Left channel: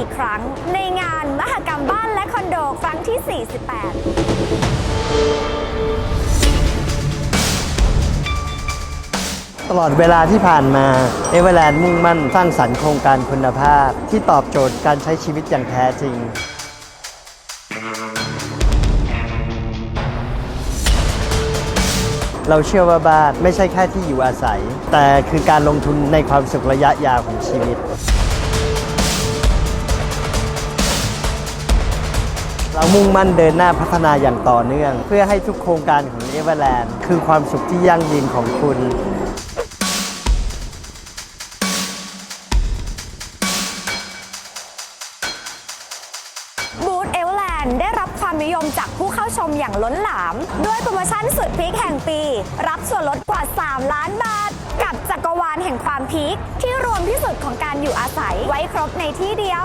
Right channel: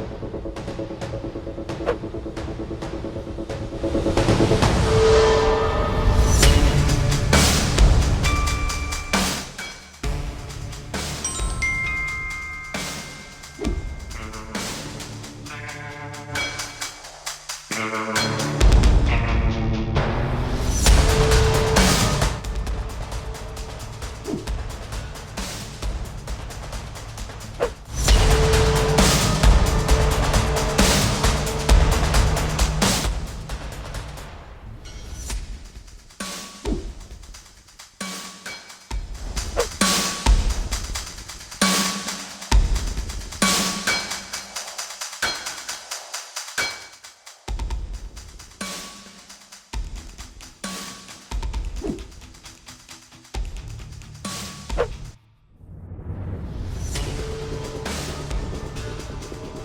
อีกครั้ง ในงานมหกรรมบ้านและคอนโดครั้งที่ ตลอดเวลาที่ผ่านมาเอเวอร์แลนด์มุ่งมั่นสร้างสรรค์โครงการคุณภาพ ที่ตอบโจทย์การใช้ชีวิตอย่างแท้จริง เราเชื่อว่าบ้านไม่ใช่แค่ที่อยู่อาศัย แต่คือการลงทุนในความสุขระยะยาวของชีวิต เรามุ่งมั่นเดินหน้าพัฒนาอย่างต่อเนื่อง เพื่อให้ทุกโครงการของเอเวอร์แลนด์คือความสุขที่ยั่งยืนของคุณบูธเอเวอร์แลนด์ได้รับความนิยมจากผู้เข้าชมอย่างล้นหลาม ด้วยโปรโมชั่นสุดพีคแห่งปี รับส่วนลดกว่า 3 ล้านบาท กับจักรวาลแห่งความพีคที่รวมที่สุดของการอยู่อาศัยไว้ครบในที่เดียว